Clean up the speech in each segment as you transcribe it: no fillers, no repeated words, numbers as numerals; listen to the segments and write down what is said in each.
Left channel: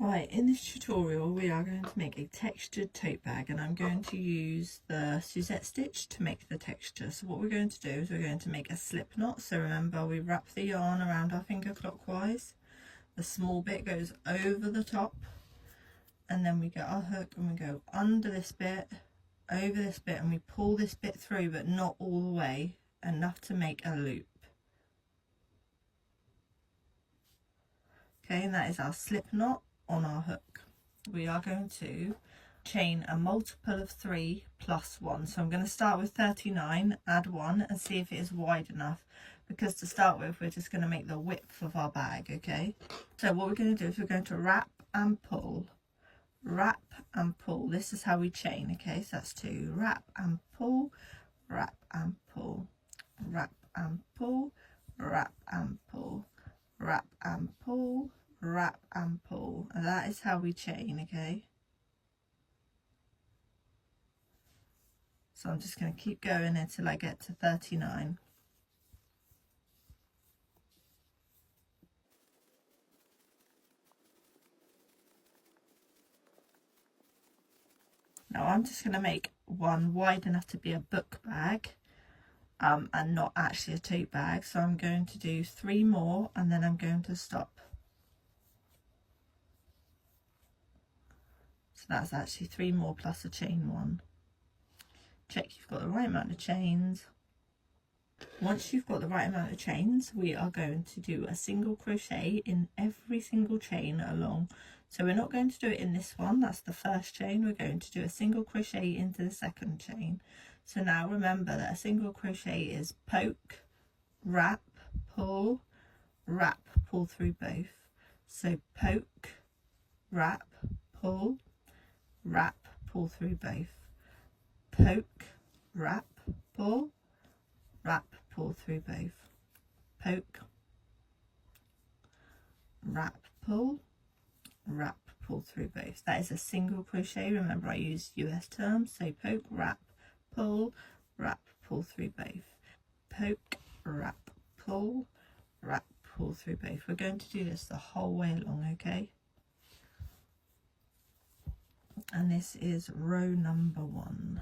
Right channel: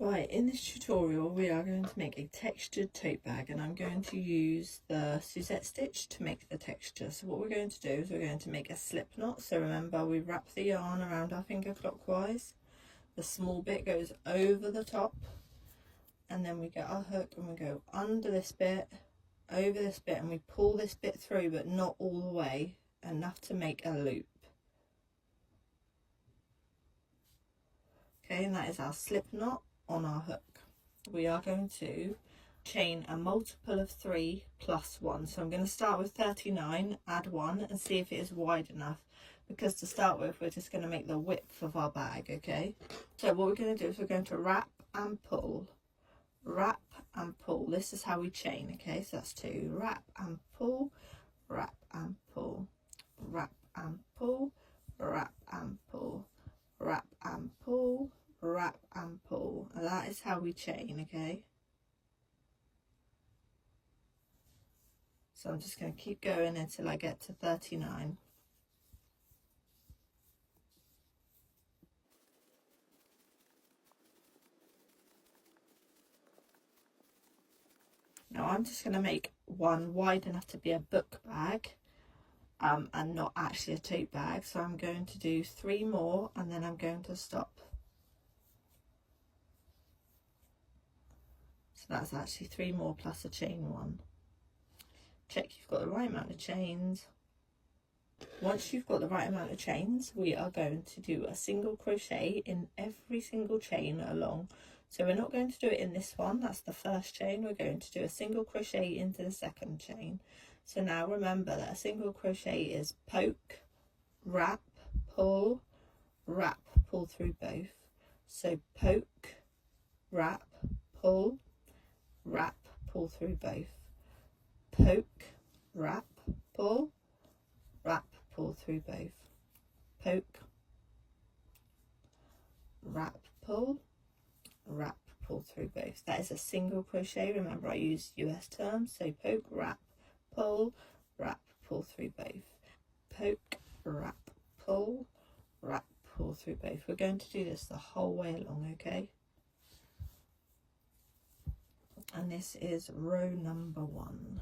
Right, in this tutorial we are going to make a textured tote bag, and I'm going to use the Suzette stitch to make the texture. So what we're going to do is we're going to make a slip knot. So remember, we wrap the yarn around our finger clockwise, the small bit goes over the top, and then we get our hook and we go under this bit, over this bit, and we pull this bit through, but not all the way, enough to make a loop. Okay, and that is our slip knot on our hook. We are going to chain a multiple of 3 plus 1. So I'm going to start with 39, add 1, and see if it is wide enough, because to start with we're just going to make the width of our bag. Okay, so what we're going to do is we're going to wrap and pull, wrap and pull. This is how we chain. Okay, so that's 2, wrap and pull, wrap and pull, wrap and pull, wrap and pull, wrap and pull, wrap and pull, and that is how we chain. Okay, so I'm just going to keep going until I get to 39. Now I'm just going to make one wide enough to be a book bag, and not actually a tote bag, so I'm going to do 3 more and then I'm going to stop. So that's actually 3 more plus a chain 1. Check you've got the right amount of chains. Once you've got the right amount of chains, we are going to do a single crochet in every single chain along. So we're not going to do it in this one, that's the first chain. We're going to do a single crochet into the second chain. So now remember that a single crochet is poke, wrap, pull through both. So poke, wrap, pull through both. Poke, wrap, pull through both. Poke, wrap, pull through both. That is a single crochet. Remember, I use US terms, so poke, wrap, pull through both. Poke, wrap, pull through both. We're going to do this the whole way along. Okay, and this is row number 1.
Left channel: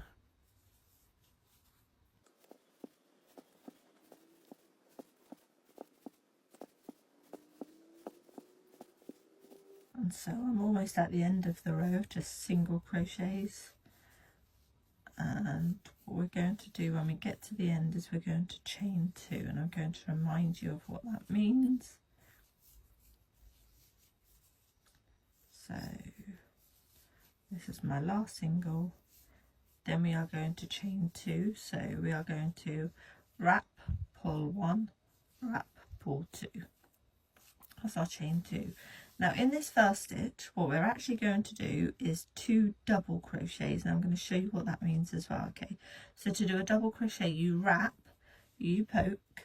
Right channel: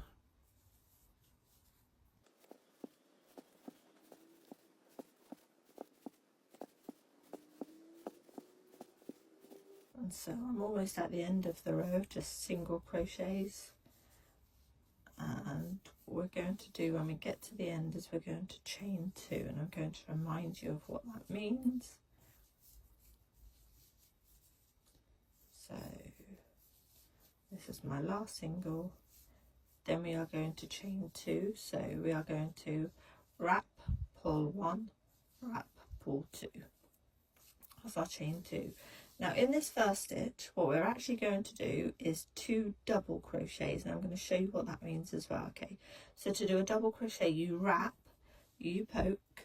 And so I'm almost at the end of the row, just single crochets. And what we're going to do when we get to the end is we're going to chain 2, and I'm going to remind you of what that means. So this is my last single, then we are going to chain 2, so we are going to wrap, pull 1, wrap, pull 2. That's our chain 2. Now in this first stitch, what we're actually going to do is 2 double crochets, and I'm going to show you what that means as well. Okay, so to do a double crochet, you wrap, you poke,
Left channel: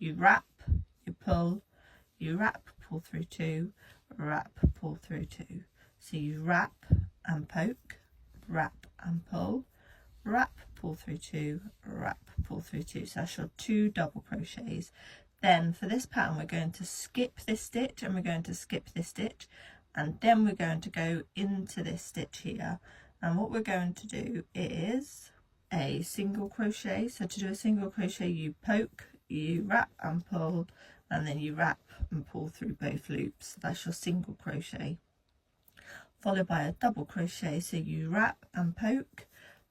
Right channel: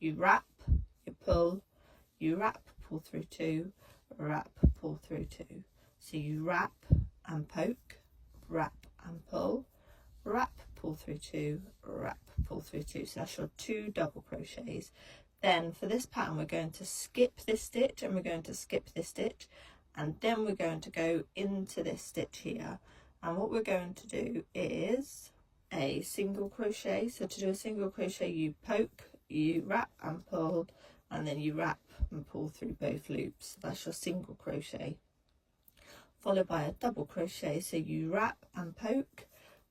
you wrap, you pull, you wrap, pull through 2, wrap, pull through 2. So you wrap and poke, wrap and pull, wrap, pull through 2, wrap, pull through 2. So that's your 2 double crochets. Then for this pattern we're going to skip this stitch, and we're going to skip this stitch, and then we're going to go into this stitch here. And what we're going to do is a single crochet. So to do a single crochet, you poke, you wrap and pull, and then you wrap and pull through both loops. So that's your single crochet, followed by a double crochet. So you wrap and poke,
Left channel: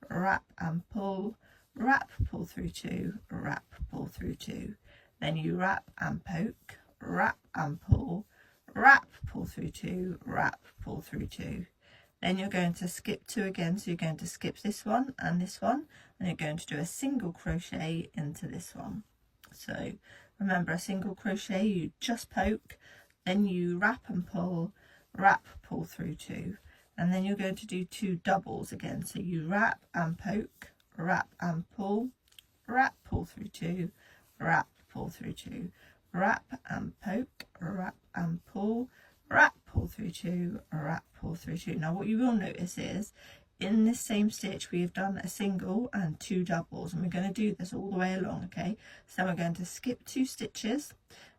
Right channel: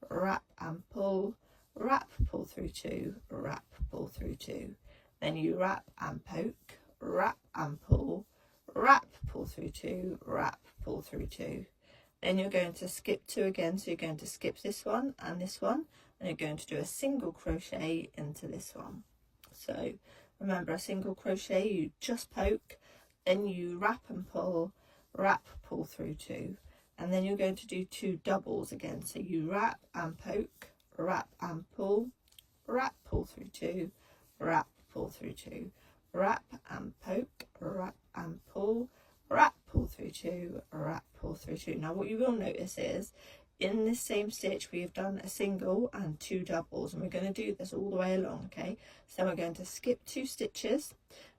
wrap and pull, wrap, pull through 2, wrap, pull through 2. Then you wrap and poke, wrap and pull, wrap, pull through 2, wrap, pull through 2. Then you're going to skip 2 again, so you're going to skip this one, and you're going to do a single crochet into this one. So remember, a single crochet, you just poke, then you wrap and pull, pull through 2, and then you're going to do 2 doubles again. So you wrap and poke, wrap and pull through 2, wrap, pull through 2, wrap and poke, wrap and pull through 2, wrap, pull through 2. Now what you will notice is in this same stitch we have done a single and 2 doubles, and we're going to do this all the way along. Okay, so we're going to skip 2 stitches,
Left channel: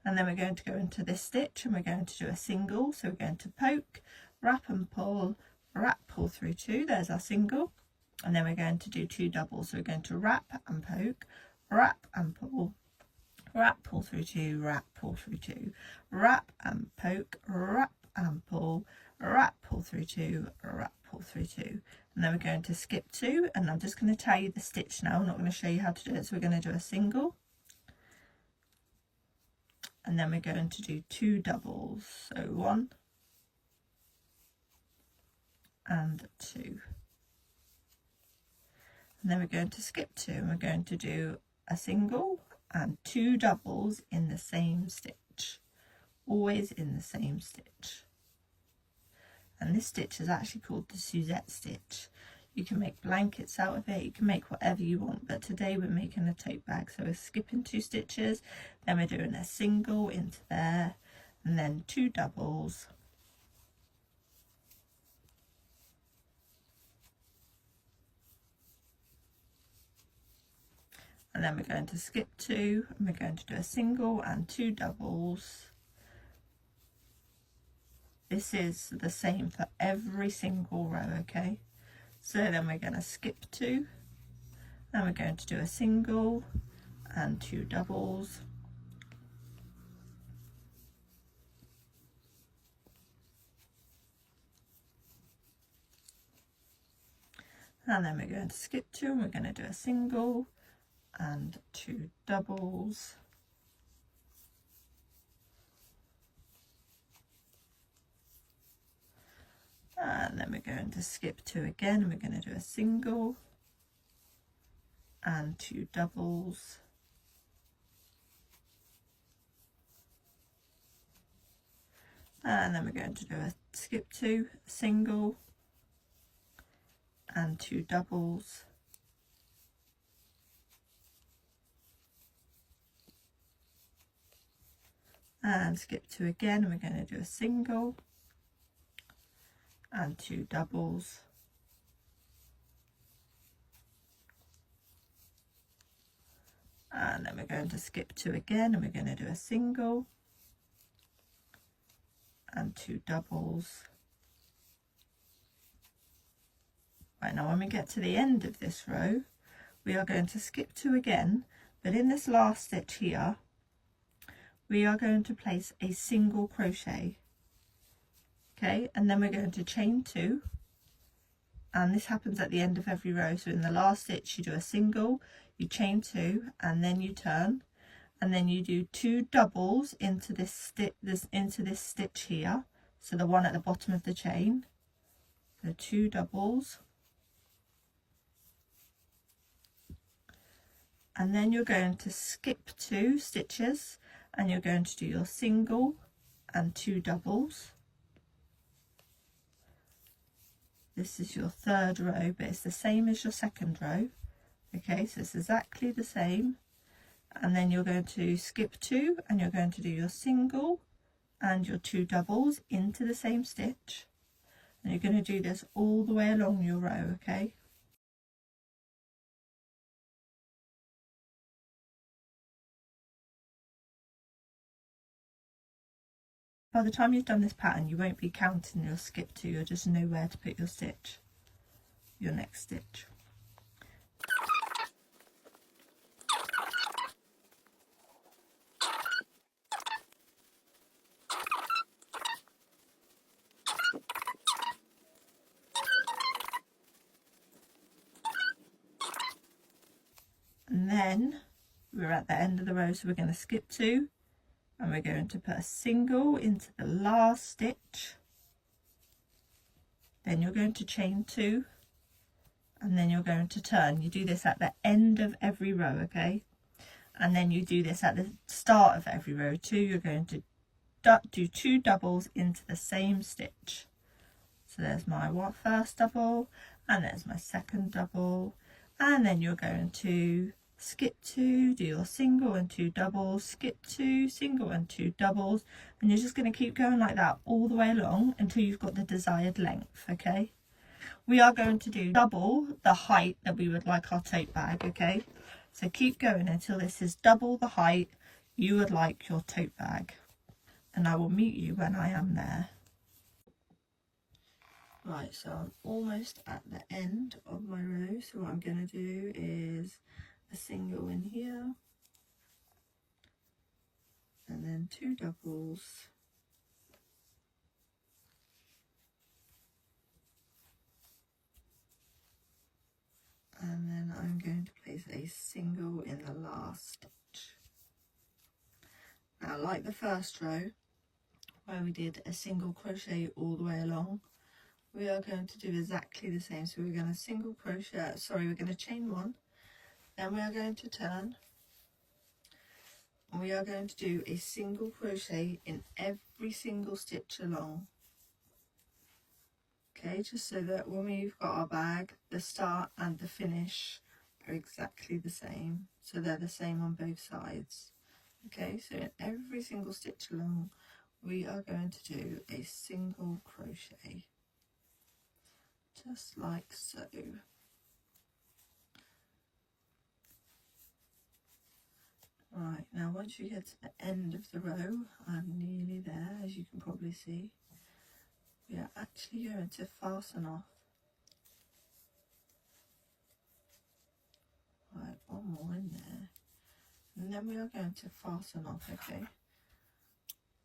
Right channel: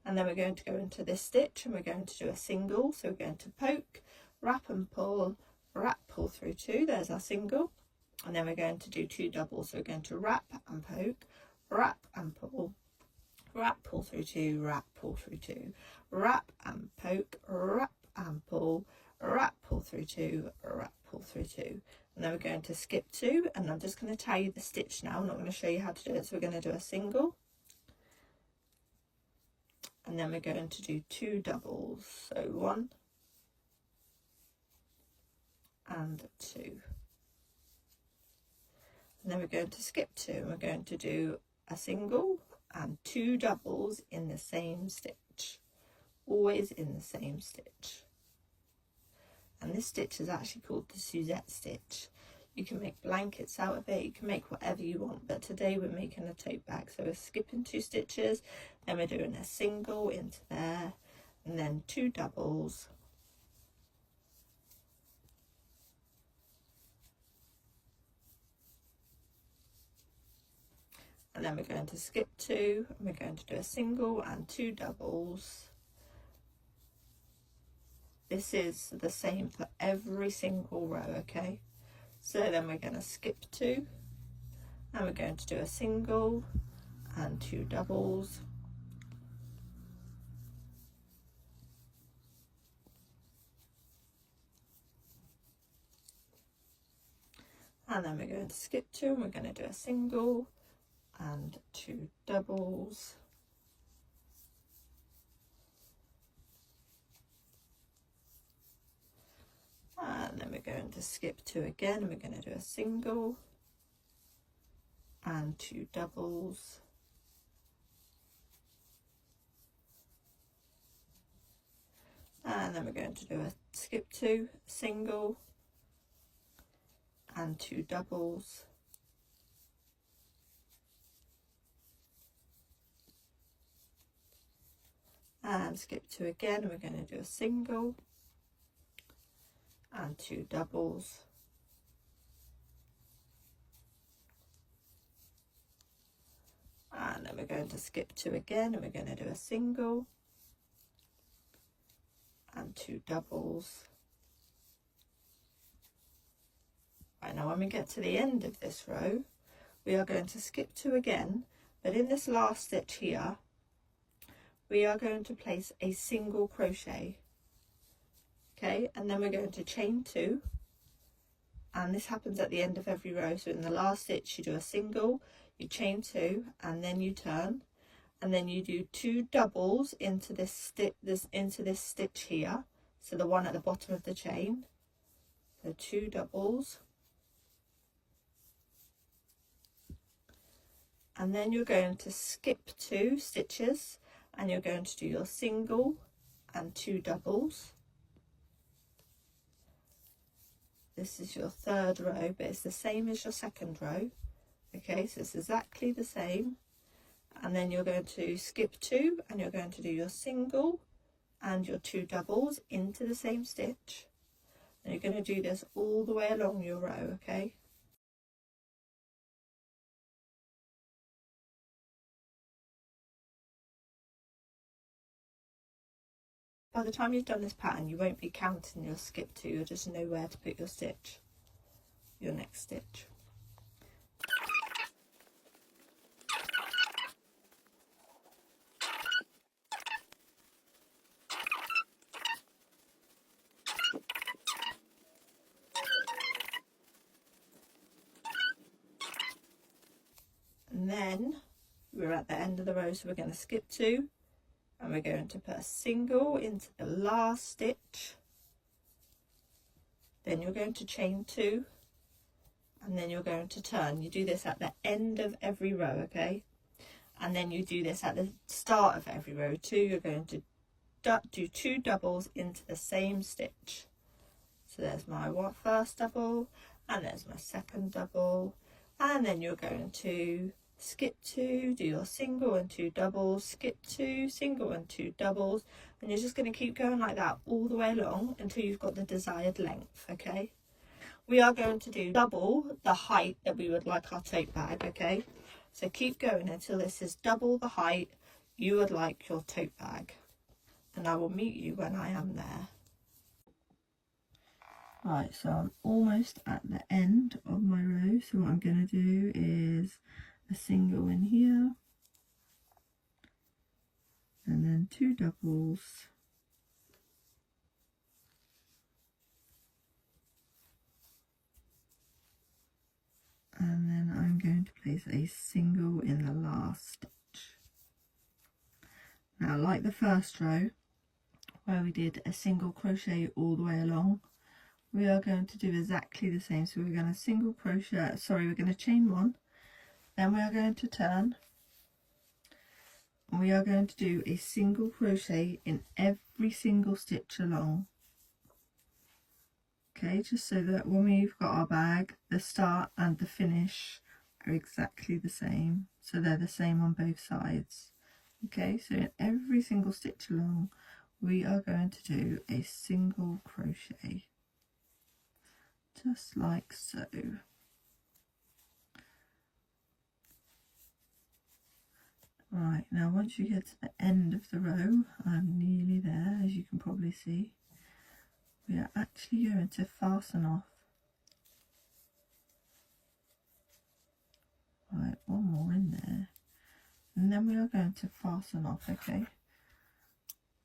and then we're going to go into this stitch and we're going to do a single. So we're going to poke, wrap and pull, wrap, pull through 2, there's our single, and then we're going to do 2 doubles. So we're going to wrap and poke, wrap and pull, wrap, pull through 2, wrap, pull through 2, wrap and poke, wrap and pull, wrap, pull through 2, wrap, pull through 2, and then we're going to skip 2, and I'm just going to tell you the stitch now. I'm not going to show you how to do it. So we're going to do a single, and then we're going to do 2 doubles. So 1 and 2, and then we're going to skip 2, and we're going to do a single and 2 doubles in the same stitch, always in the same stitch. And this stitch is actually called the Suzette stitch. You can make blankets out of it, you can make whatever you want, but today we're making a tote bag. So we're skipping 2 stitches, then we're doing a single into there, and then 2 doubles, and then we're going to skip 2, and we're going to do a single and 2 doubles. This is the same for every single row, okay? So then we're going to skip 2, and we're going to do a single and 2 doubles, and then we're going to skip 2, and we're going to do a single and 2 doubles, and then we're going to skip 2 again, and we're going to do a single and 2 doubles, and then we're going to do a skip 2, single and 2 doubles, and skip 2 again, and we're going to do a single and 2 doubles, and then we're going to skip 2 again, and we're going to do a single and 2 doubles. Right, now when we get to the end of this row, we are going to skip 2 again, but in this last stitch here we are going to place a single crochet, okay, and then we're going to chain 2, and this happens at the end of every row. So in the last stitch you do a single, you chain 2, and then you turn, and then you do 2 doubles into this stitch here, so the one at the bottom of the chain, so 2 doubles, and then you're going to skip 2 stitches, and you're going to do your single and 2 doubles. This is your 3rd row, but it's the same as your 2nd row, okay, so it's exactly the same, and then you're going to skip 2, and you're going to do your single and your 2 doubles into the same stitch, and you're going to do this all the way along your row, okay. By the time you've done this pattern, you won't be counting your skip 2, you'll just know where to put your stitch, your next stitch. And then we're at the end of the row, so we're going to skip 2, and we're going to put a single into the last stitch, then you're going to chain 2, and then you're going to turn. You do this at the end of every row, okay, and then you do this at the start of every row too. You're going to do 2 doubles into the same stitch. So there's my first double, and there's my second double, and then you're going to skip 2, do your single and 2 doubles, skip 2, single and 2 doubles, and you're just going to keep going like that all the way along until you've got the desired length, okay. We are going to do double the height that we would like our tote bag, okay, so keep going until this is double the height you would like your tote bag, and I will meet you when I am there. Right, so I'm almost at the end of my row, so what I'm going to do is a single in here and then 2 doubles, and then I'm going to place a single in the last stitch. Now, like the first row where we did a single crochet all the way along, we are going to do exactly the same. So we're going to single crochet, we're going to chain 1, then we are going to turn, and we are going to do a single crochet in every single stitch along. Okay, just so that when we've got our bag, the start and the finish are exactly the same, so they're the same on both sides. Okay, so in every single stitch along, we are going to do a single crochet, just like so. Right, now once you get to the end of the row, I'm nearly there, as you can probably see. We are actually going to fasten off. Right, one more in there. And then we are going to fasten off, okay?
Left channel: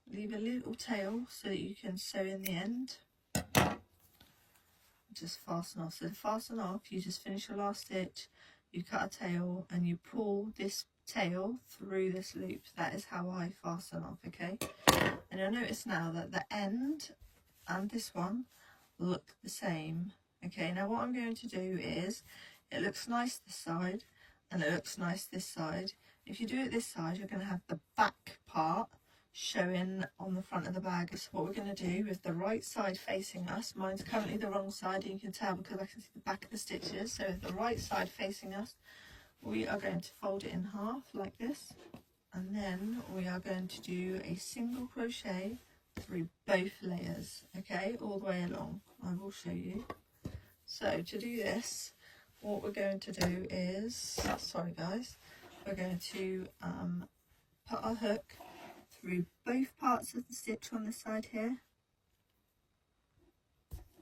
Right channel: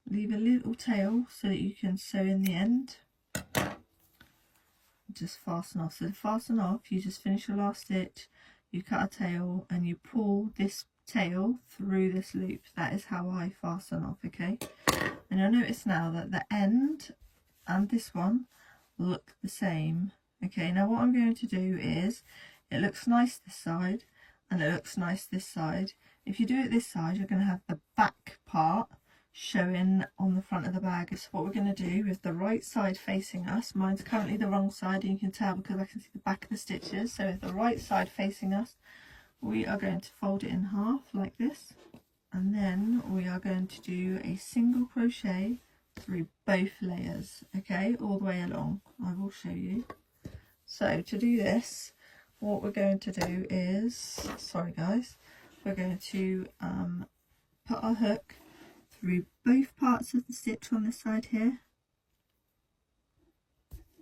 Leave a little tail so that you can sew in the end. Just fasten off. So to fasten off, you just finish your last stitch, you cut a tail and you pull this tail through this loop. That is how I fasten off, okay? And you'll notice now that the end and this one look the same. Okay, now what I'm going to do is, it looks nice this side and it looks nice this side. If you do it this side, you're going to have the back part showing on the front of the bag. So what we're going to do with the right side facing us, mine's currently the wrong side and you can tell because I can see the back of the stitches. So with the right side facing us, we are going to fold it in half like this, and then we are going to do a single crochet through both layers, okay, all the way along. I will show you. So to do this, what we're going to do is, sorry guys, we're going to put our hook through both parts of the stitch on this side here,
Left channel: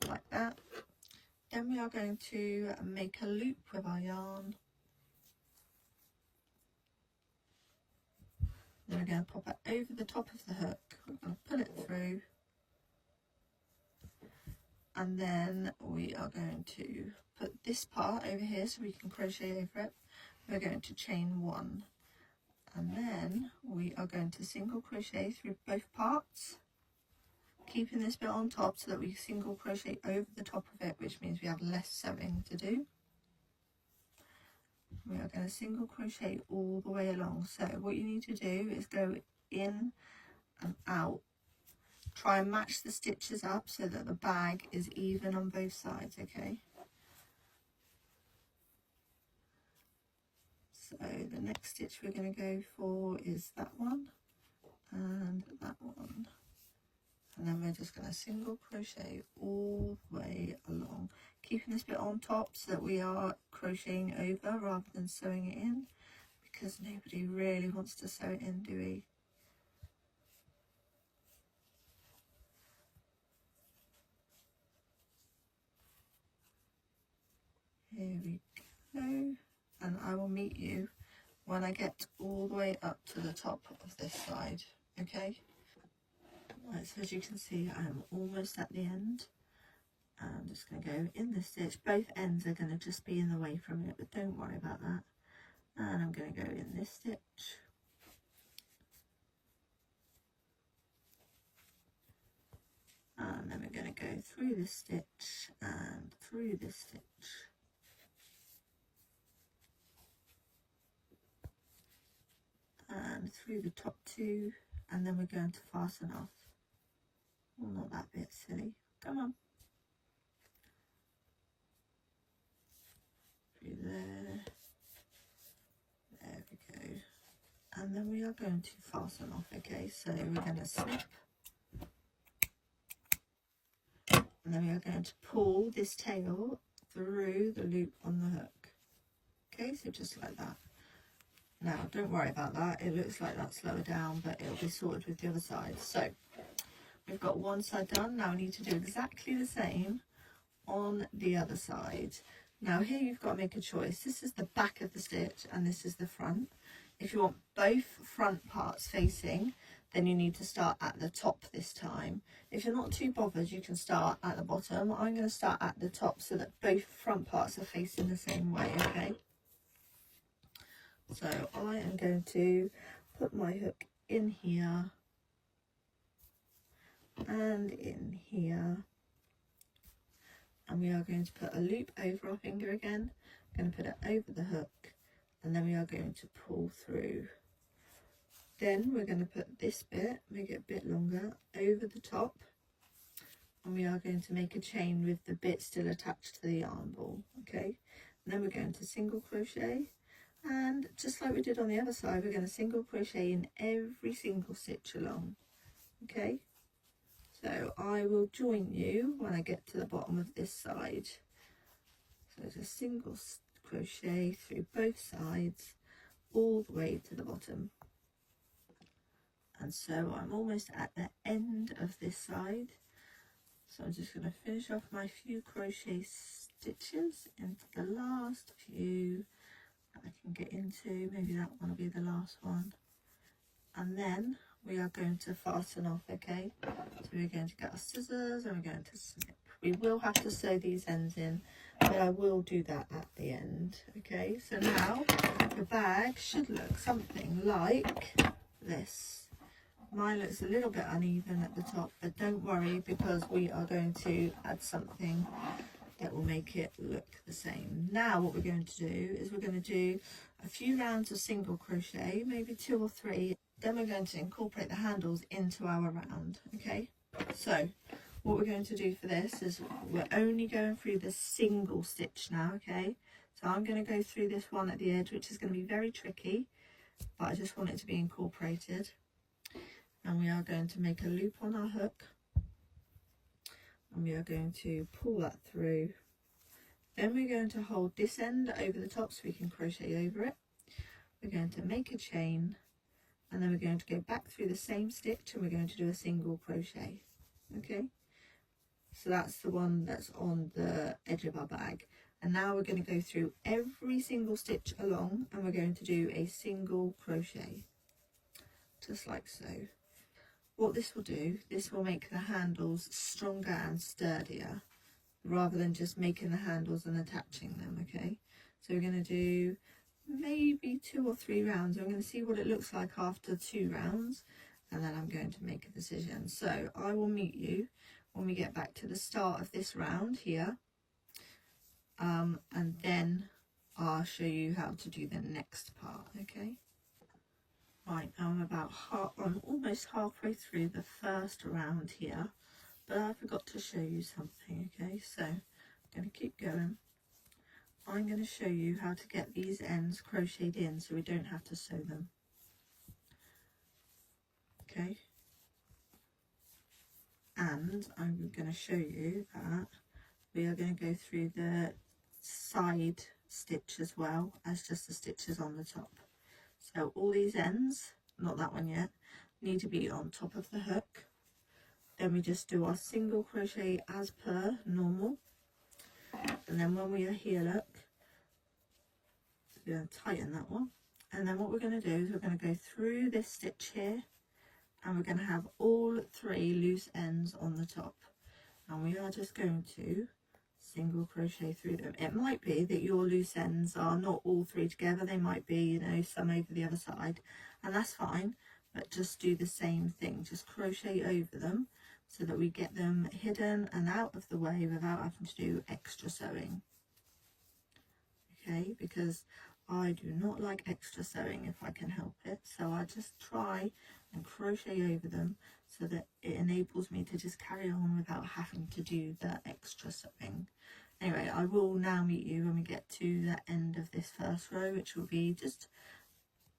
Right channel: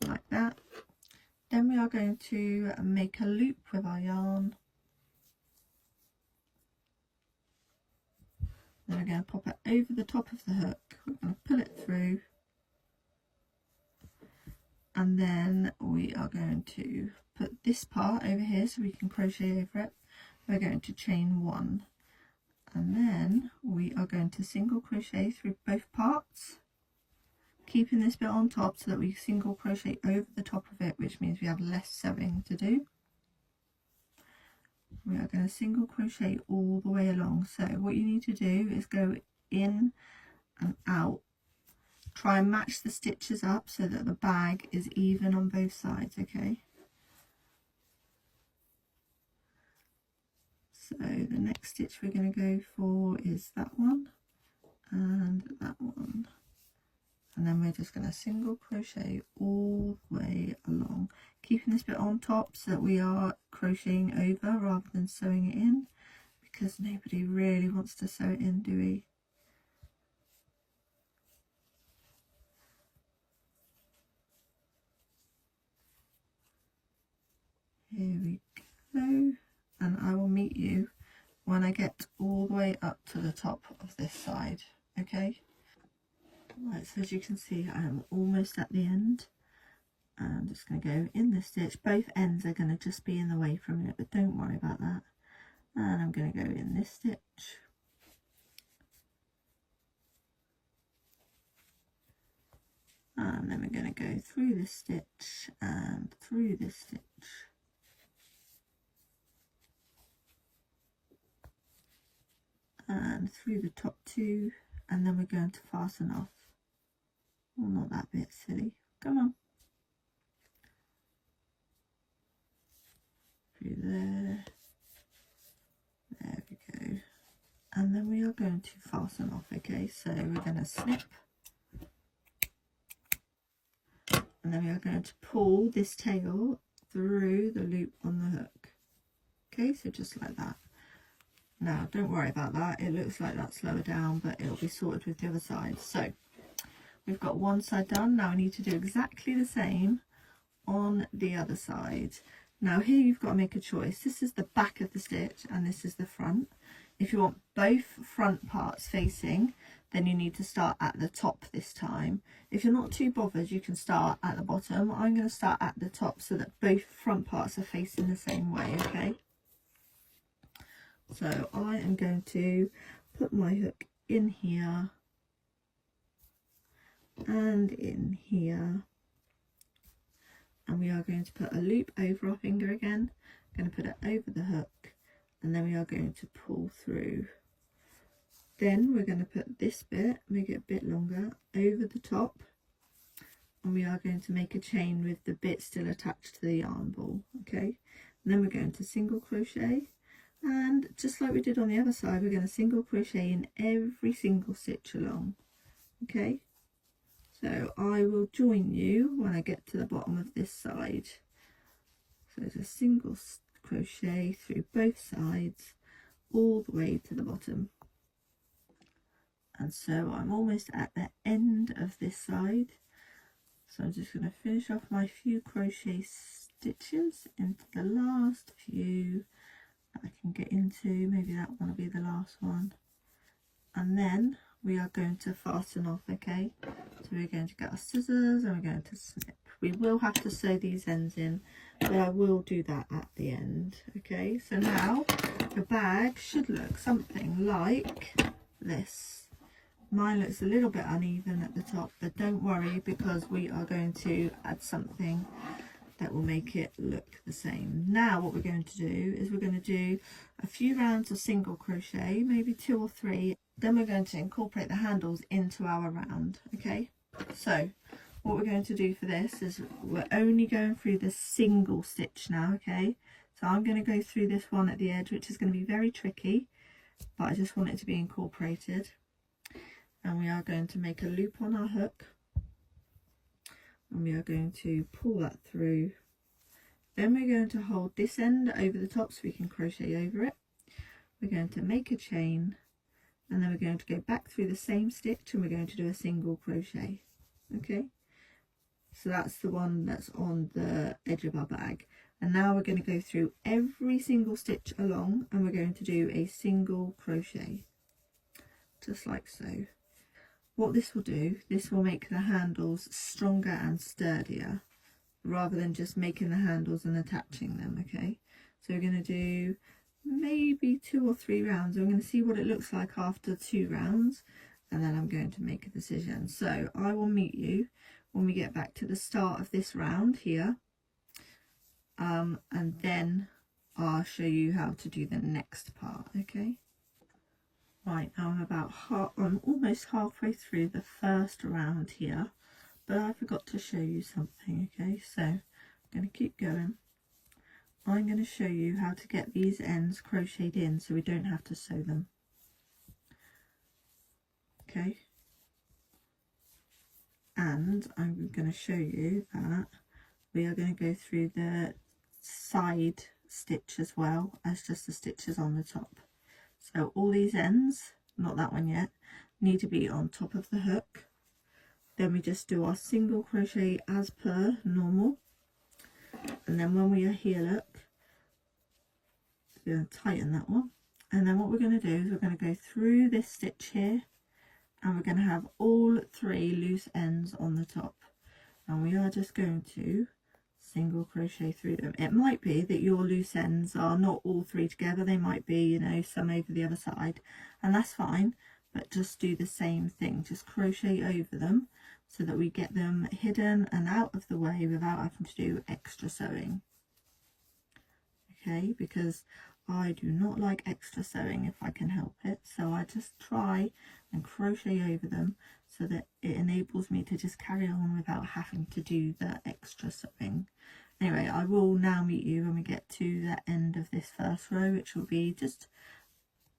like that. Then we are going to make a loop with our yarn. And we're going to pop it over the top of the hook. We're going to pull it through, and then we are going to put this part over here so we can crochet over it. We're going to chain 1, and then we are going to single crochet through both parts, keeping this bit on top so that we single crochet over the top of it, which means we have less sewing to do. We are going to single crochet all the way along. So what you need to do is go in and out. Try and match the stitches up so that the bag is even on both sides, okay? So the next stitch we're going to go for is that one and that one. And then we're just going to single crochet all the way along, keeping this bit on top so that we are crocheting over rather than sewing it in, because nobody really wants to sew it in, do we? Here we go, and I will meet you when I get all the way up to the top of this side, okay? Right, so as you can see, I am almost at the end. I'm just going to go in the stitch. Both ends are going to just be in the way for a minute, but don't worry about that. And I'm going to go in this stitch. And then we're going to go through this stitch and through this stitch. And through the top 2, and then we're going to fasten off. Oh, not that bit, silly. Come on. Through there. There we go. And then we are going to fasten off, okay? So we're going to snip. And then we are going to pull this tail through the loop on the hook. Okay, so just like that. Now, don't worry about that. It looks like that's lower down, but it'll be sorted with the other side. So we've got one side done. Now we need to do exactly the same on the other side. Now here you've got to make a choice. This is the back of the stitch and this is the front. If you want both front parts facing, then you need to start at the top this time. If you're not too bothered, you can start at the bottom. I'm going to start at the top so that both front parts are facing the same way, okay? So I am going to put my hook in here and in here, and we are going to put a loop over our finger again. I'm going to put it over the hook, and then we are going to pull through. Then we're going to put this bit, make it a bit longer, over the top, and we are going to make a chain with the bit still attached to the yarn ball, okay? And then we're going to single crochet, and just like we did on the other side, we're going to single crochet in every single stitch along, okay? So I will join you when I get to the bottom of this side. So it's a single crochet through both sides all the way to the bottom. And so I'm almost at the end of this side. So I'm just going to finish off my few crochet stitches into the last few that I can get into. Maybe that one will be the last one. And then we are going to fasten off, okay? So we're going to get our scissors and we're going to snip. We will have to sew these ends in, but I will do that at the end, okay? So now the bag should look something like this. Mine looks a little bit uneven at the top, but don't worry because we are going to add something that will make it look the same. Now what we're going to do is we're going to do a few rounds of single crochet, maybe 2 or 3. Then we're going to incorporate the handles into our round, okay? So what we're going to do for this is we're only going through the single stitch now, okay? So I'm going to go through this one at the edge, which is going to be very tricky, but I just want it to be incorporated. And we are going to make a loop on our hook. And we are going to pull that through. Then we're going to hold this end over the top so we can crochet over it. We're going to make a chain. And then we're going to go back through the same stitch and we're going to do a single crochet, okay? So that's the one that's on the edge of our bag. And now we're going to go through every single stitch along and we're going to do a single crochet, just like so. What this will do, this will make the handles stronger and sturdier rather than just making the handles and attaching them, okay? So we're going to do maybe 2 or 3 rounds. I'm going to see what it looks like after 2 rounds and then I'm going to make a decision. So I will meet you when we get back to the start of this round here, and then I'll show you how to do the next part, okay? Right, now I'm almost halfway through the first round here, but I forgot to show you something, okay? So I'm going to keep going. I'm going to show you how to get these ends crocheted in so we don't have to sew them. Okay. And I'm going to show you that we are going to go through the side stitch as well as just the stitches on the top. So all these ends, not that one yet, need to be on top of the hook. Then we just do our single crochet as per normal. And then when we are here, look, we're going to tighten that one. And then what we're going to do is we're going to go through this stitch here and we're going to have all 3 loose ends on the top. And we are just going to single crochet through them. It might be that your loose ends are not all 3 together. They might be, you know, some over the other side, and that's fine. But just do the same thing. Just crochet over them so that we get them hidden and out of the way without having to do extra sewing. Okay, because I do not like extra sewing if I can help it, so I just try and crochet over them so that it enables me to just carry on without having to do the extra sewing. Anyway, I will now meet you when we get to the end of this first row, which will be just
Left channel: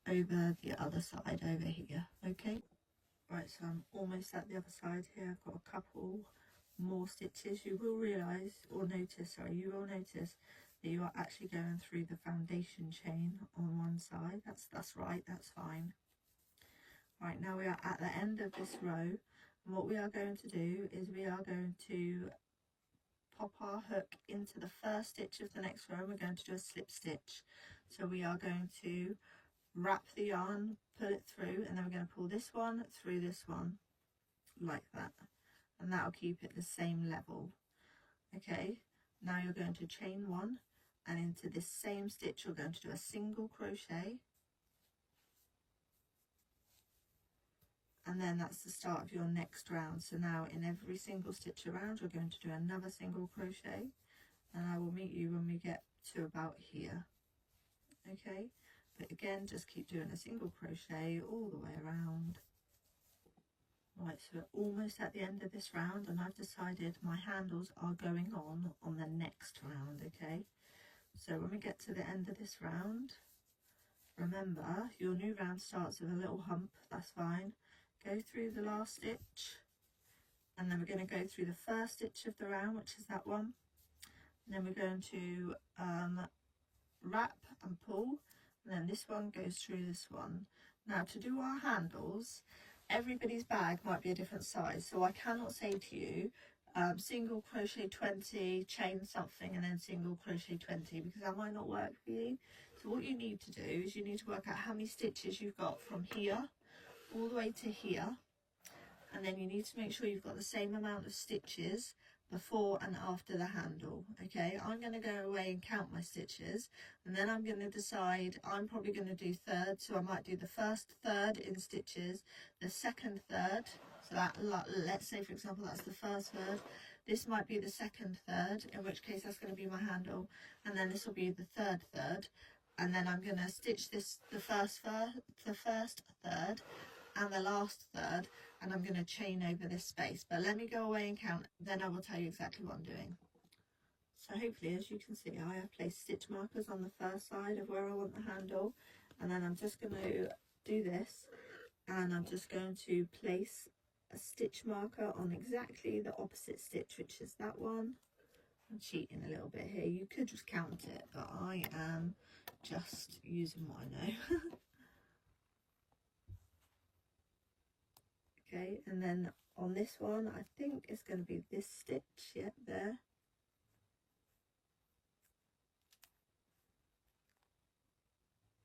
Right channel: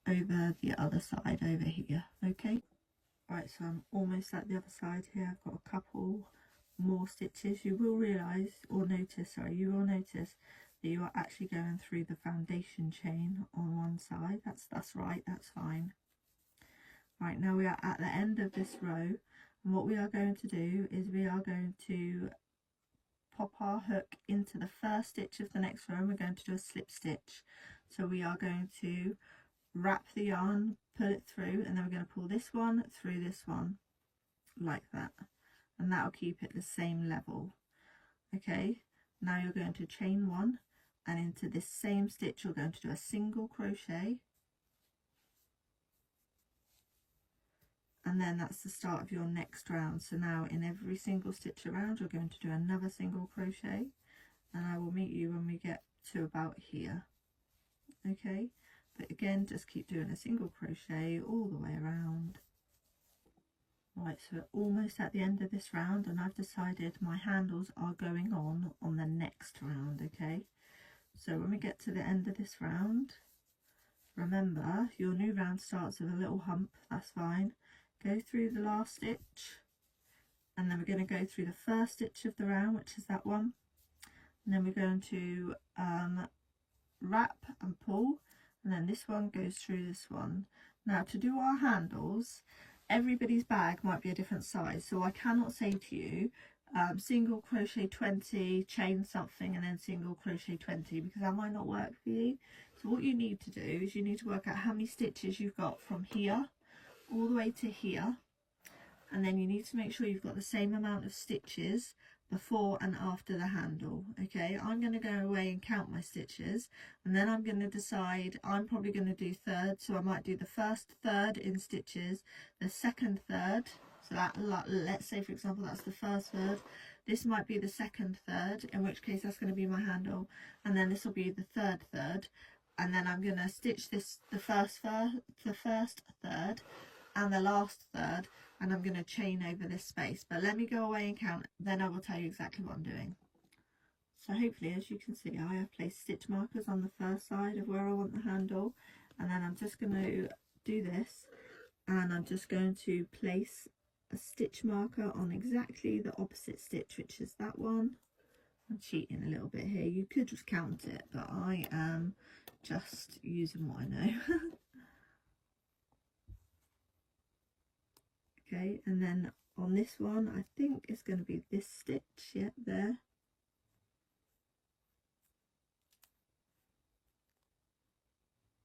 over the other side over here, okay? Right, so I'm almost at the other side here. I've got a couple more stitches. You will realise, or notice, sorry, you will notice that you are actually going through the foundation chain on one side. That's right, that's fine. Right, now we are at the end of this row, and what we are going to do is we are going to pop our hook into the first stitch of the next row and we're going to do a slip stitch. So we are going to wrap the yarn, pull it through, and then we're going to pull this one through this one like that, and that will keep it the same level. Okay, now you're going to chain one, and into this same stitch you're going to do a single crochet, and then that's the start of your next round. So now in every single stitch around you're going to do another single crochet, and I will meet you when we get to about here. Okay, but again just keep doing a single crochet all the way around. Right, so we're almost at the end of this round, and I've decided my handles are going on the next round. Okay, so when we get to the end of this round, remember your new round starts with a little hump. That's fine. Go through the last stitch, and then we're going to go through the first stitch of the round, which is that one, and then we're going to wrap and pull, and then this one goes through this one. Now to do our handles, everybody's bag might be a different size, so I cannot say to you single crochet 20, chain something, and then single crochet 20, because that might not work for you. So what you need to do is you need to work out how many stitches you've got from here all the way to here, and then you need to make sure you've got the same amount of stitches before and after the handle. Okay, I'm going to go away and count my stitches, and then I'm going to decide. I'm probably going to do thirds, so I might do the first third in stitches, the second third, so that, let's say for example that's the first third, this might be the second third, in which case that's going to be my handle, and then this will be the third third, and then I'm going to stitch this the first third and the last third, and I'm going to chain over this space. But let me go away and count, then I will tell you exactly what I'm doing. So hopefully, as you can see, I have placed stitch markers on the first side of where I want the handle, and then I'm just going to do this, and I'm just going to place a stitch marker on exactly the opposite stitch, which is that one. I'm cheating a little bit here, you could just count it, but I am just using what I know. Okay, and then on this one, I think it's going to be this stitch, yeah, there.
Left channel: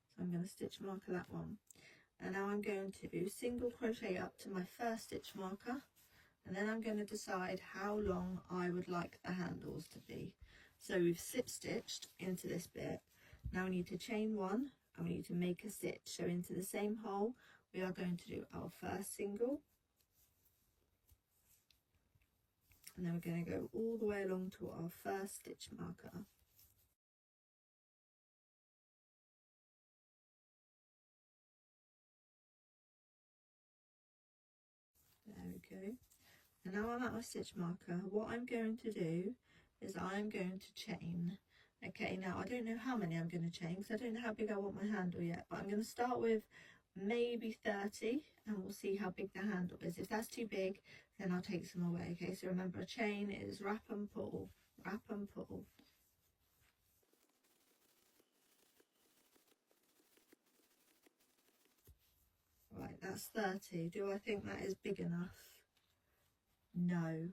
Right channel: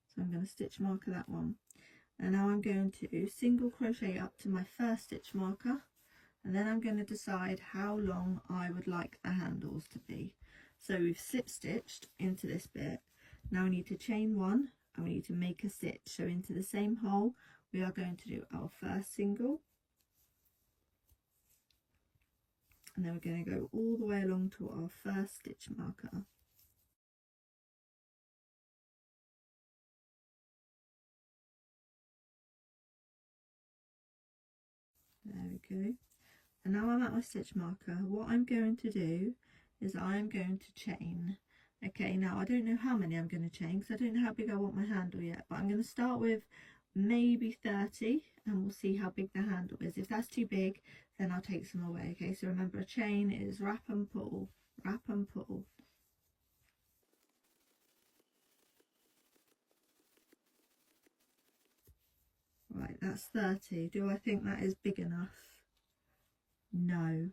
So I'm going to stitch marker that one. And now I'm going to single crochet up to my first stitch marker, and then I'm going to decide how long I would like the handles to be. So we've slip stitched into this bit. Now we need to chain one, and we need to make a stitch. So into the same hole, we are going to do our first single. And then we're going to go all the way along to our first stitch marker. There we go. And now I'm at my stitch marker. What I'm going to do is I'm going to chain. Okay, now I don't know how many I'm going to chain because I don't know how big I want my handle yet, but I'm going to start with maybe 30 and we'll see how big the handle is. If that's too big, then I'll take some away. Okay, so remember, a chain is wrap and pull, wrap and pull. Right, that's 30. Do I think that is big enough? No.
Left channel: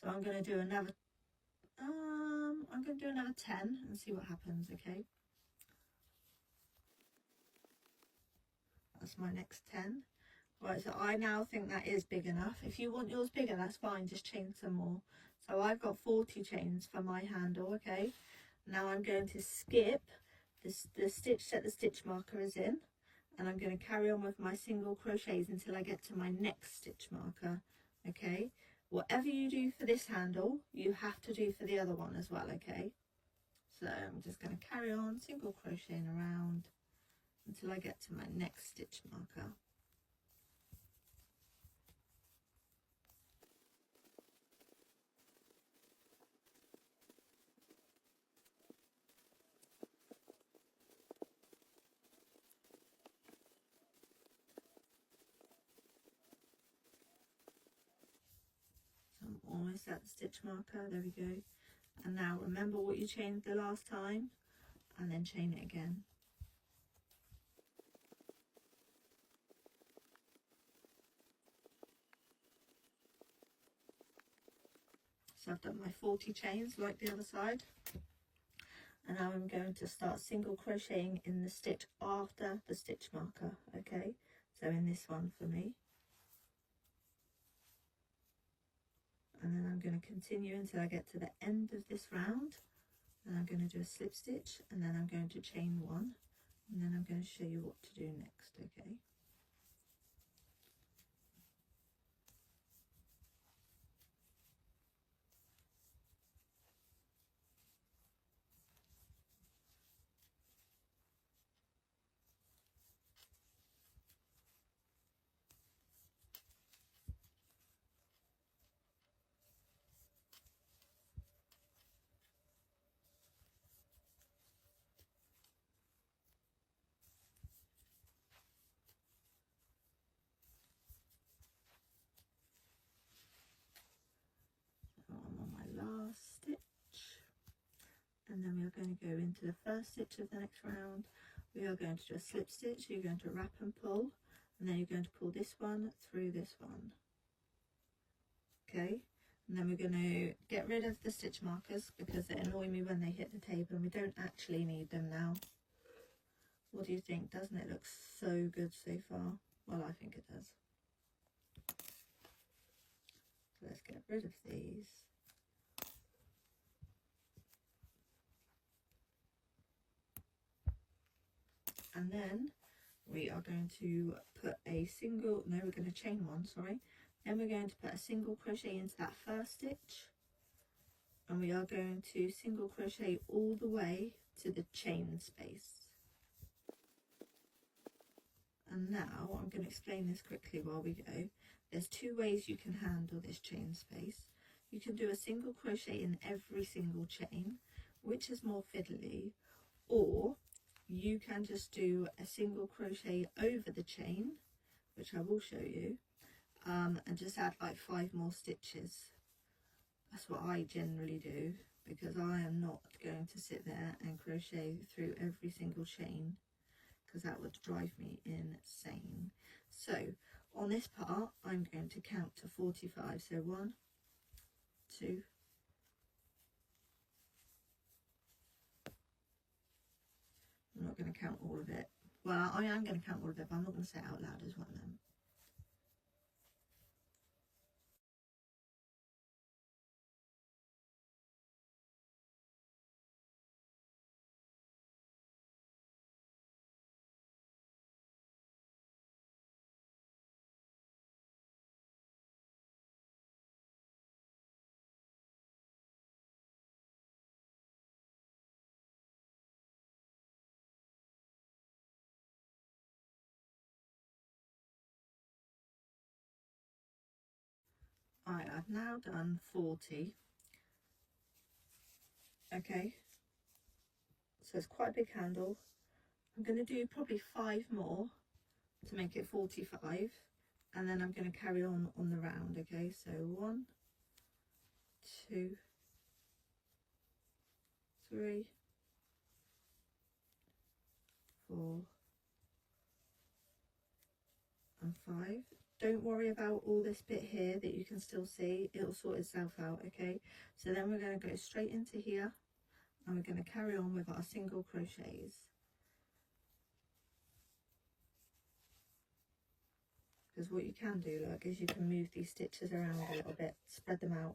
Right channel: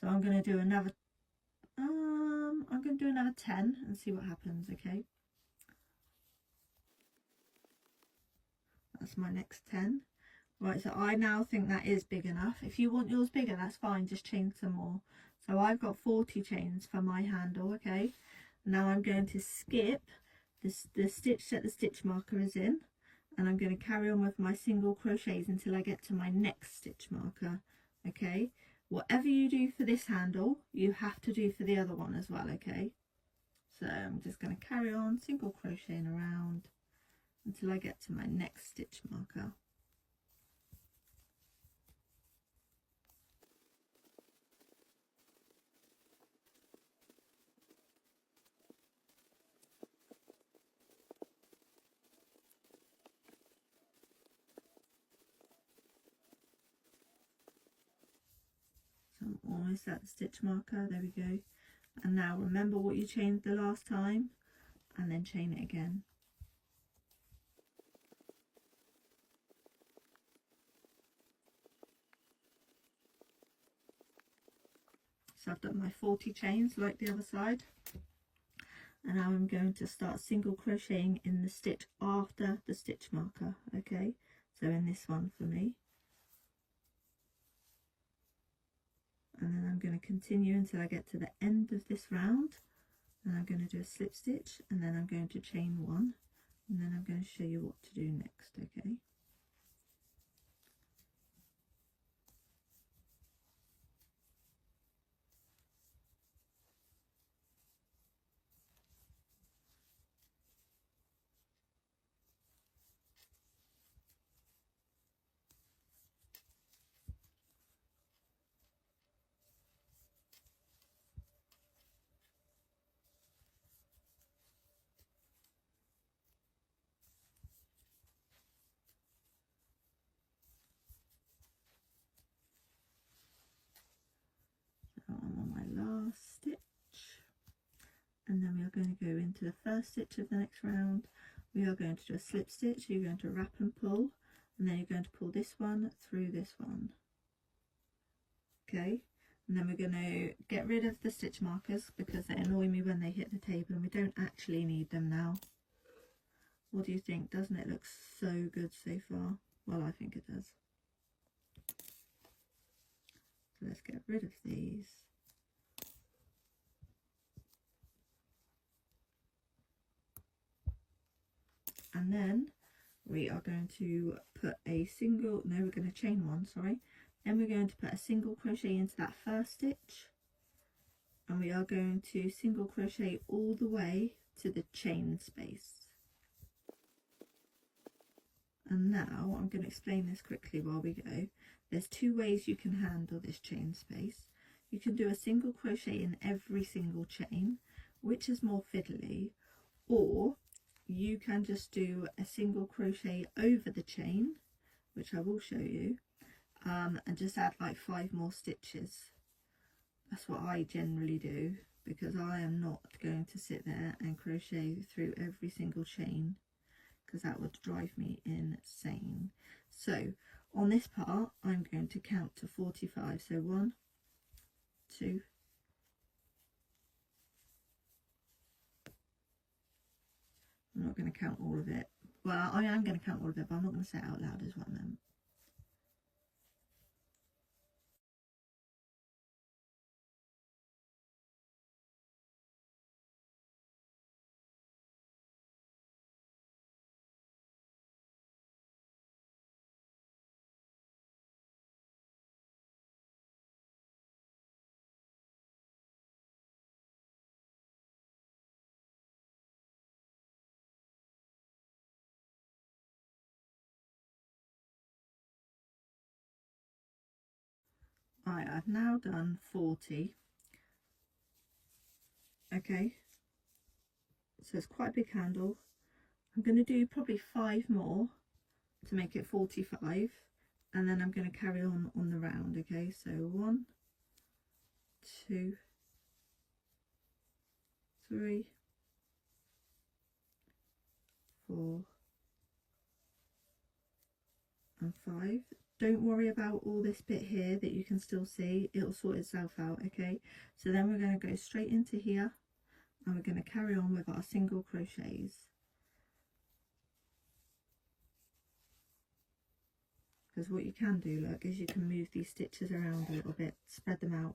So I'm going to do another 10 and see what happens. Okay, that's my next 10. Right, so I now think that is big enough. If you want yours bigger, that's fine, just chain some more. So I've got 40 chains for my handle. Okay, now I'm going to skip the stitch that the stitch marker is in, and I'm going to carry on with my single crochets until I get to my next stitch marker. Okay, whatever you do for this handle, you have to do for the other one as well. Okay, so I'm just going to carry on single crocheting around until I get to my next stitch marker. So I'm almost at the stitch marker, there we go. And now remember what you chained the last time, and then chain it again. So I've done my 40 chains like the other side, and now I'm going to start single crocheting in the stitch after the stitch marker. Okay, so in this one for me, and then I'm going to continue until I get to the end of this round, and I'm going to do a slip stitch, and then I'm going to chain one, and then I'm going to show you what to do next. Okay. I'm on my last stitch, and then we are going to go into the first stitch of the next round. We are going to do a slip stitch. You're going to wrap and pull, and then you're going to pull this one through this one. Okay, and then we're going to get rid of the stitch markers because they annoy me when they hit the table, and we don't actually need them now. What do you think? Doesn't it look so good so far? Well, I think it does. So let's get rid of these. And then we are going to put a single, no, we're going to chain one, sorry. Then we're going to put a single crochet into that first stitch, and we are going to single crochet all the way to the chain space. And now I'm going to explain this quickly while we go. There's two ways you can handle this chain space. You can do a single crochet in every single chain, which is more fiddly, or you can just do a single crochet over the chain, which I will show you, and just add like 5 more stitches. That's what I generally do, because I am not going to sit there and crochet through every single chain, because that would drive me insane. So on this part, I'm going to count to 45. So 1, 2, I'm not going to count all of it. Well, I am going to count all of it, but I'm not going to say it out loud is what I meant. Alright, I've now done 40. Okay, so it's quite a big handle. I'm going to do probably 5 more to make it 45, and then I'm going to carry on the round. Okay, so 1, 2, 3, 4 and 5. Don't worry about all this bit here that you can still see, it'll sort itself out. Okay, so then we're going to go straight into here, and we're going to carry on with our single crochets, because what you can do is you can move these stitches around a little bit, spread them out.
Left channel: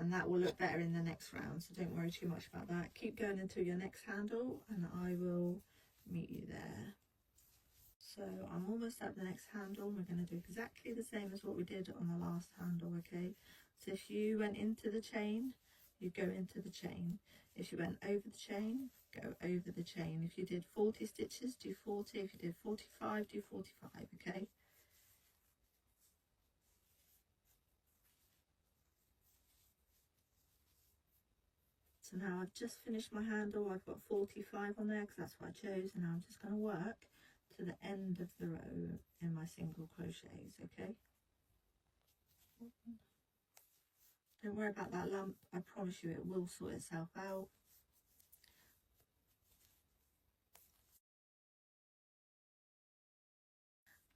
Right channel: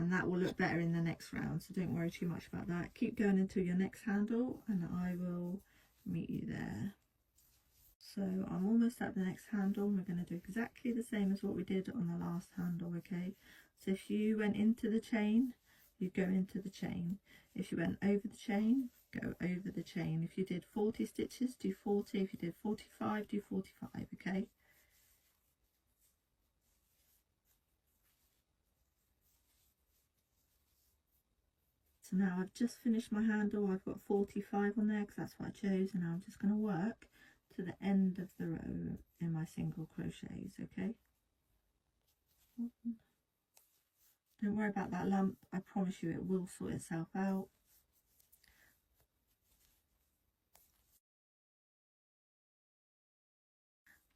And that will look better in the next round, so don't worry too much about that. Keep going until your next handle, and I will meet you there. So I'm almost at the next handle, and we're going to do exactly the same as what we did on the last handle. Okay, so if you went into the chain, you go into the chain. If you went over the chain, go over the chain. If you did 40 stitches, do 40. If you did 45, do 45. Okay. So now I've just finished my handle. I've got 45 on there because that's what I chose, and now I'm just going to work to the end of the row in my single crochets. Okay, don't worry about that lump, I promise you it will sort itself out.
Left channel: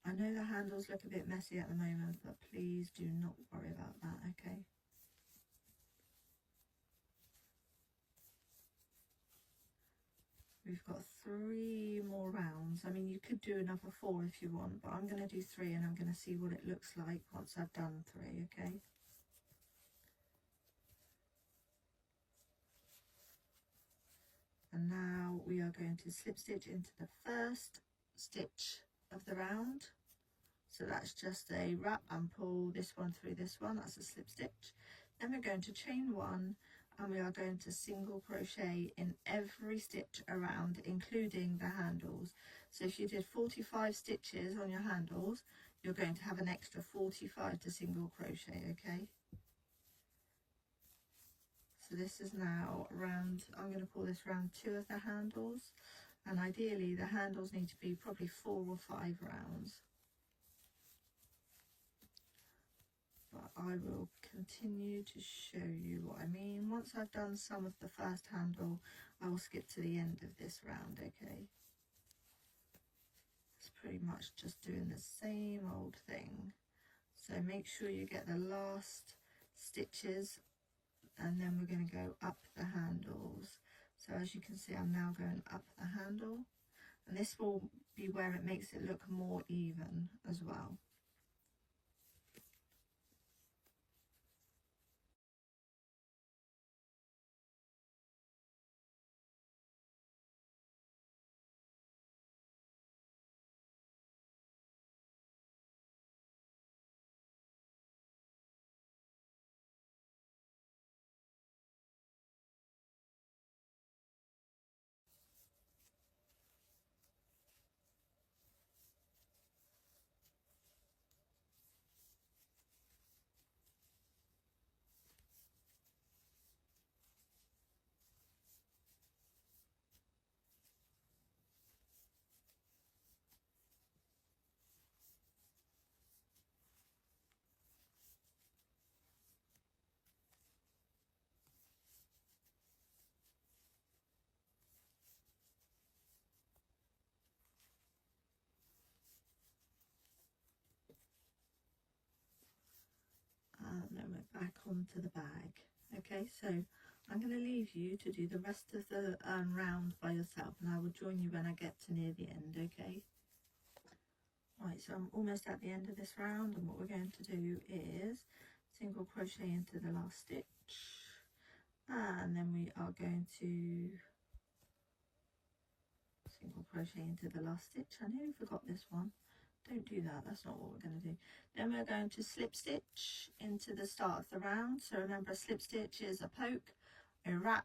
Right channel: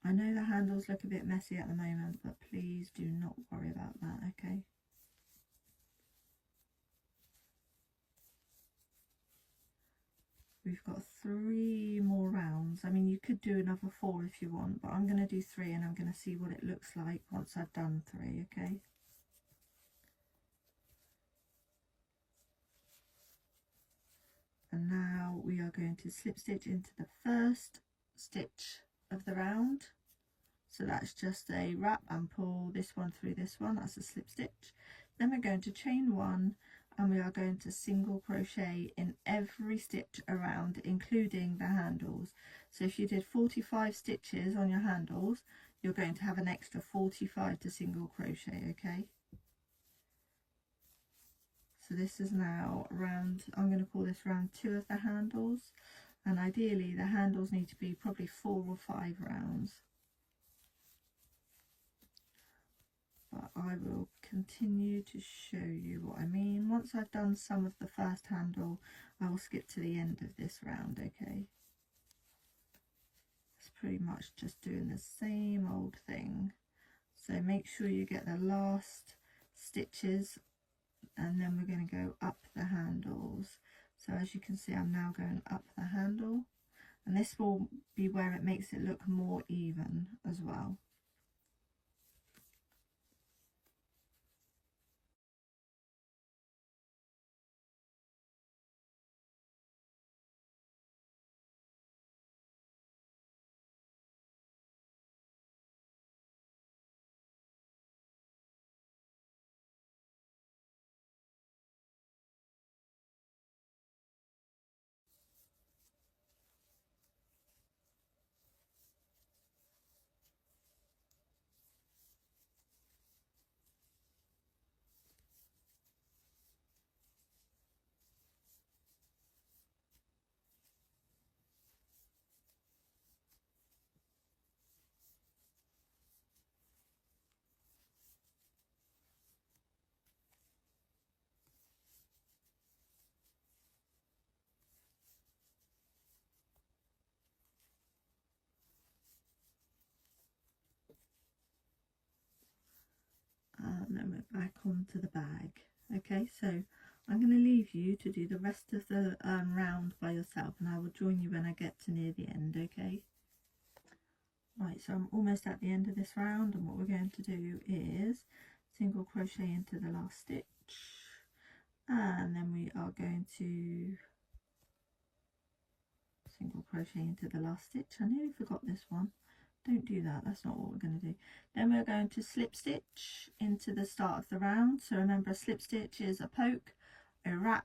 I know the handles look a bit messy at the moment, but please do not worry about that, okay? We've got 3 more rounds. I mean, you could do another 4 if you want, but I'm going to do 3 and I'm going to see what it looks like once I've done 3, okay? And now we are going to slip stitch into the first stitch of the round. So that's just a wrap and pull this one through this one, that's a slip stitch. Then we're going to chain 1 and we are going to single crochet in every stitch around, including the handles. So if you did 45 stitches on your handles, you're going to have an extra 45 to single crochet, okay? So this is now round, I'm going to call this round 2 of the handles, and ideally the handles need to be probably 4 or 5 rounds. But I will continue to show you what I mean. Once I've done some of the first handle, I will skip to the end of this round, okay? It's pretty much just doing the same old thing. So make sure you get the last stitches, and then we're going to go up the handles. So as you can see, I'm now going up the handle, and this will be where it makes it look more even as well. And then we're back onto the bag. Okay, so I'm going to leave you to do the rest of the round by yourself, and I will join you when I get to near the end, okay? Right, so I'm almost at the end of this round, and what we're going to do is single crochet into the last stitch, and then we are going to single crochet into the last stitch. I nearly forgot this one. Don't do that, that's not what we're going to do. Then we're going to slip stitch into the start of the round. So remember, a slip stitch is a poke, a wrap,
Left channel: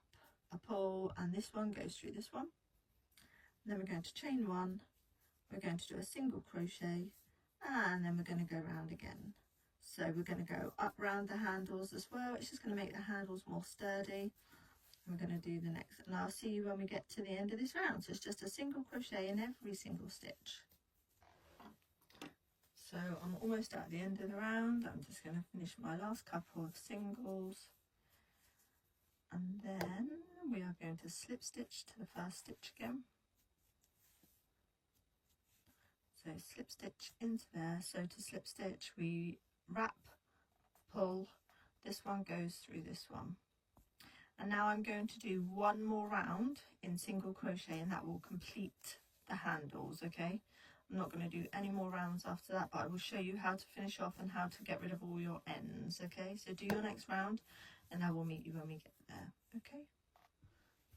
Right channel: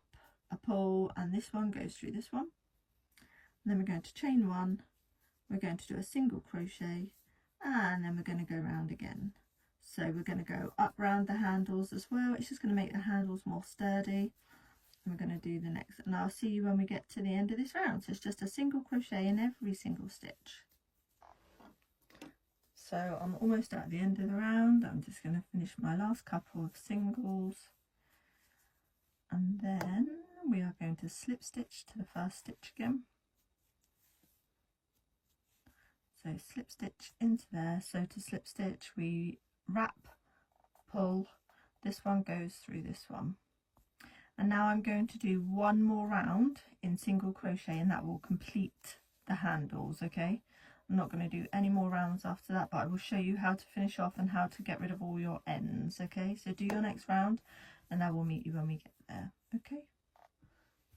a pull, and this one goes through this one. And then we're going to chain 1, we're going to do a single crochet, and then we're going to go round again. So we're going to go up round the handles as well. It's just going to make the handles more sturdy. And we're going to do the next, and I'll see you when we get to the end of this round. So it's just a single crochet in every single stitch. So I'm almost at the end of the round. I'm just going to finish my last couple of singles, and then we are going to slip stitch to the first stitch again. So slip stitch into there. So to slip stitch we wrap, pull, this one goes through this one. And now I'm going to do one more round in single crochet, and that will complete the handles, okay? I'm not going to do any more rounds after that, but I will show you how to finish off and how to get rid of all your ends, okay? So do your next round and I will meet you when we get there, okay?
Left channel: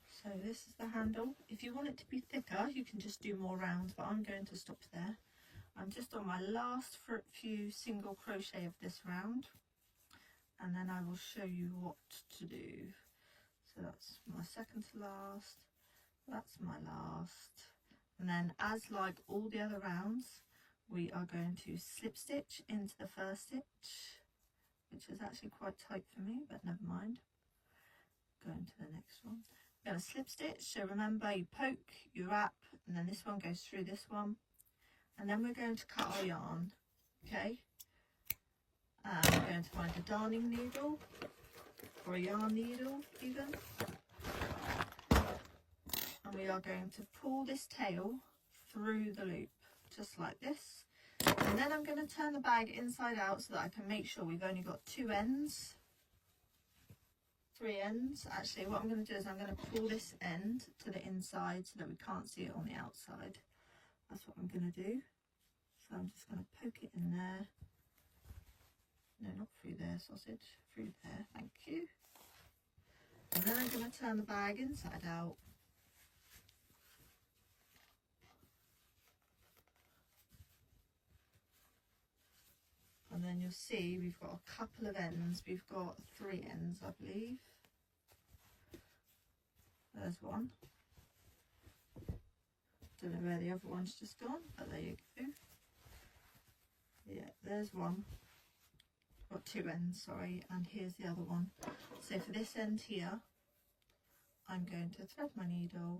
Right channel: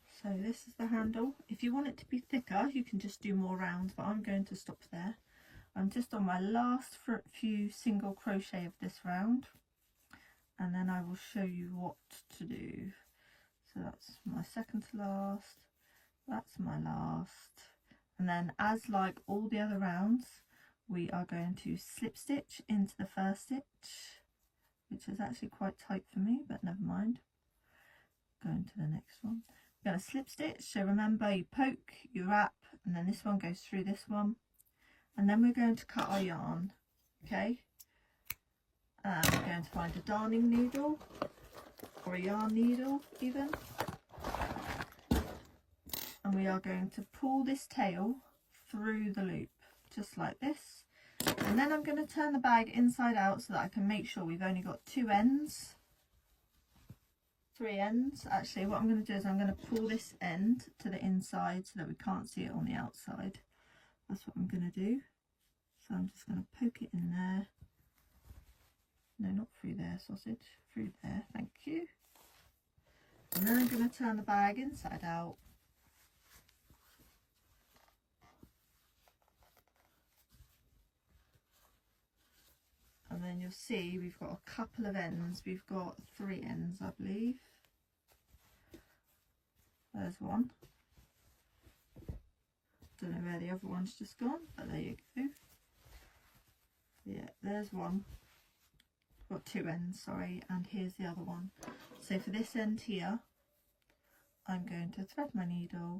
So this is the handle. If you want it to be thicker, you can just do more rounds, but I'm going to stop there. I'm just on my last few single crochet of this round, and then I will show you what to do. So that's my second to last, that's my last. And then, as like all the other rounds, we are going to slip stitch into the first stitch, which is actually quite tight for me, but never mind. Going to the next one. We're going to slip stitch. So remember, you poke, you wrap, and then this one goes through this one. And then we're going to cut our yarn, okay? And we're going to find a darning needle, or a yarn needle even. And we are going to pull this tail through the loop, just like this. And then I'm going to turn the bag inside out so that I can make sure we've only got 2 ends. 3 ends. Actually, what I'm going to do is I'm going to pull this end to the inside so that we can't see it on the outside. That's what I'm going to do. So I'm just going to poke it in there. No, not through there, sausage. Through there, thank you. And then I'm going to turn the bag inside out. And then you'll see we've got a couple of ends. We've got 3 ends, I believe. There's one. Don't know where the other one's just gone, but there you go. Yeah, there's one. We've got 2 ends, sorry, and here's the other one. So for this end here, I'm going to thread my needle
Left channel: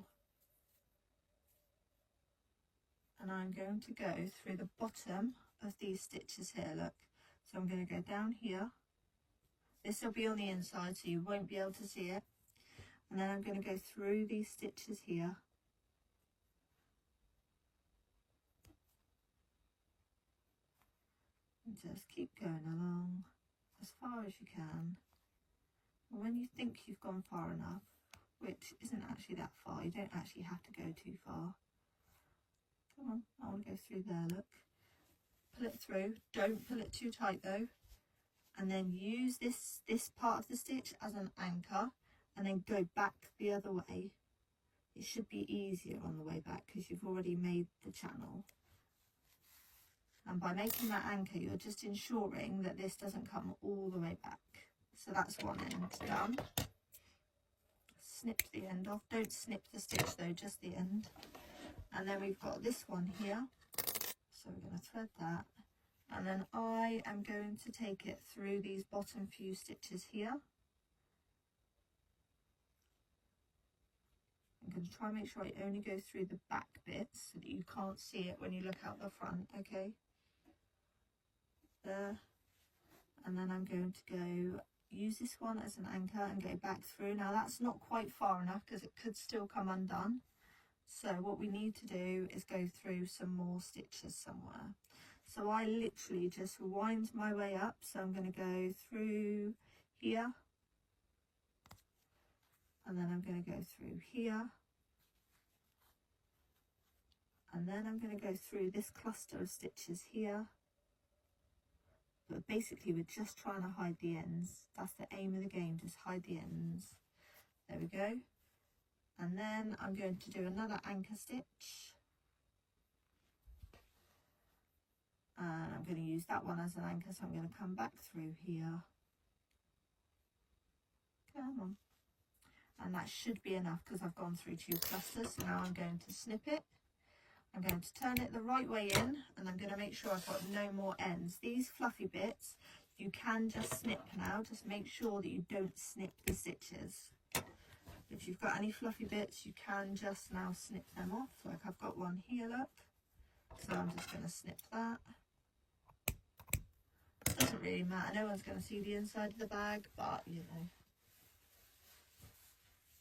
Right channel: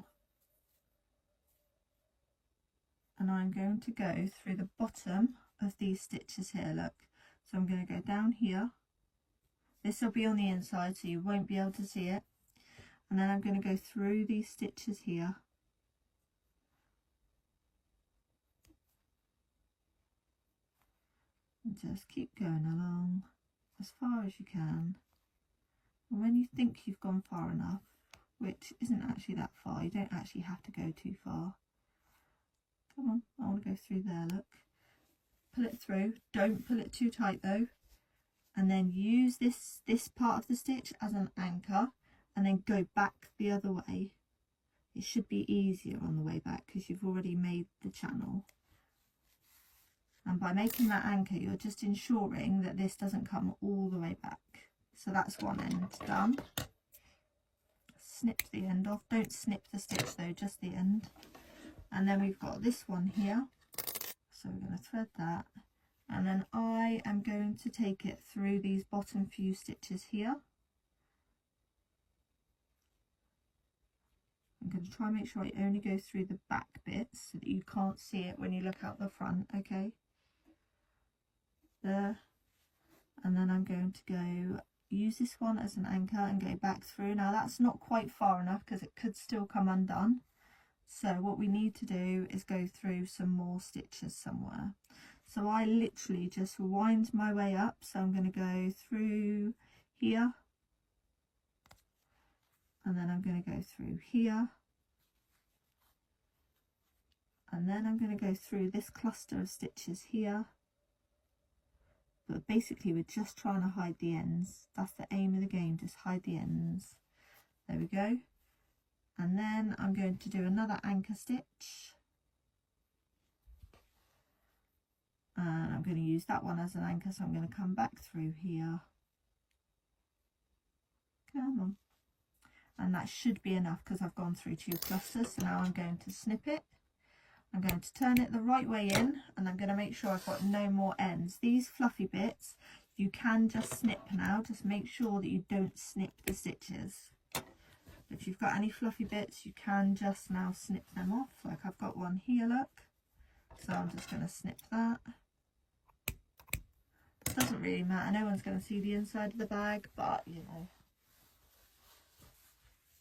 and I'm going to go through the bottom of these stitches here, look. So I'm going to go down here. This will be on the inside so you won't be able to see it. And then I'm going to go through these stitches here. And just keep going along as far as you can. And when you think you've gone far enough, which isn't actually that far, you don't actually have to go too far. Come on, I want to go through there, look. Pull it through, don't pull it too tight though. And then use this part of the stitch as an anchor and then go back the other way. It should be easier on the way back because you've already made the channel. And by making that anchor, you're just ensuring that this doesn't come all the way back. So that's one end done. Snip the end off. Don't snip the stitch though, just the end. And then we've got this one here. So we're going to thread that. And then I am going to take it through these bottom few stitches here. I'm going to try and make sure I only go through the back bits so that you can't see it when you look out the front, okay? There. And then I'm going to go use this one as an anchor and go back through. Now that's not quite far enough because it could still come undone. So what we need to do is go through some more stitches somewhere. So I literally just wind my way up. So I'm going to go through here. And then I'm going to go through here. And then I'm going to go through this cluster of stitches here. But basically we're just trying to hide the ends. That's the aim of the game, just hide the ends. There we go. And then I'm going to do another anchor stitch. And I'm going to use that one as an anchor, so I'm going to come back through here. Come on. And that should be enough because I've gone through 2 clusters. So now I'm going to snip it. I'm going to turn it the right way in and I'm going to make sure I've got no more ends. These fluffy bits, you can just snip now. Just make sure that you don't snip the stitches. If you've got any fluffy bits, you can just now snip them off. Like I've got one here, look. So I'm just going to snip that. It doesn't really matter. No one's going to see the inside of the bag, but you know.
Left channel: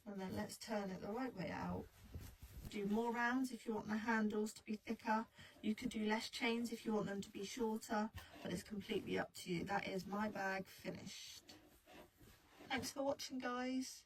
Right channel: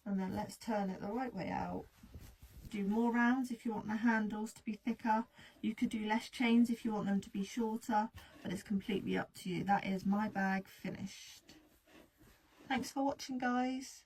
And then let's turn it the right way out. Do more rounds if you want the handles to be thicker. You could do less chains if you want them to be shorter, but it's completely up to you. That is my bag finished. Thanks for watching, guys.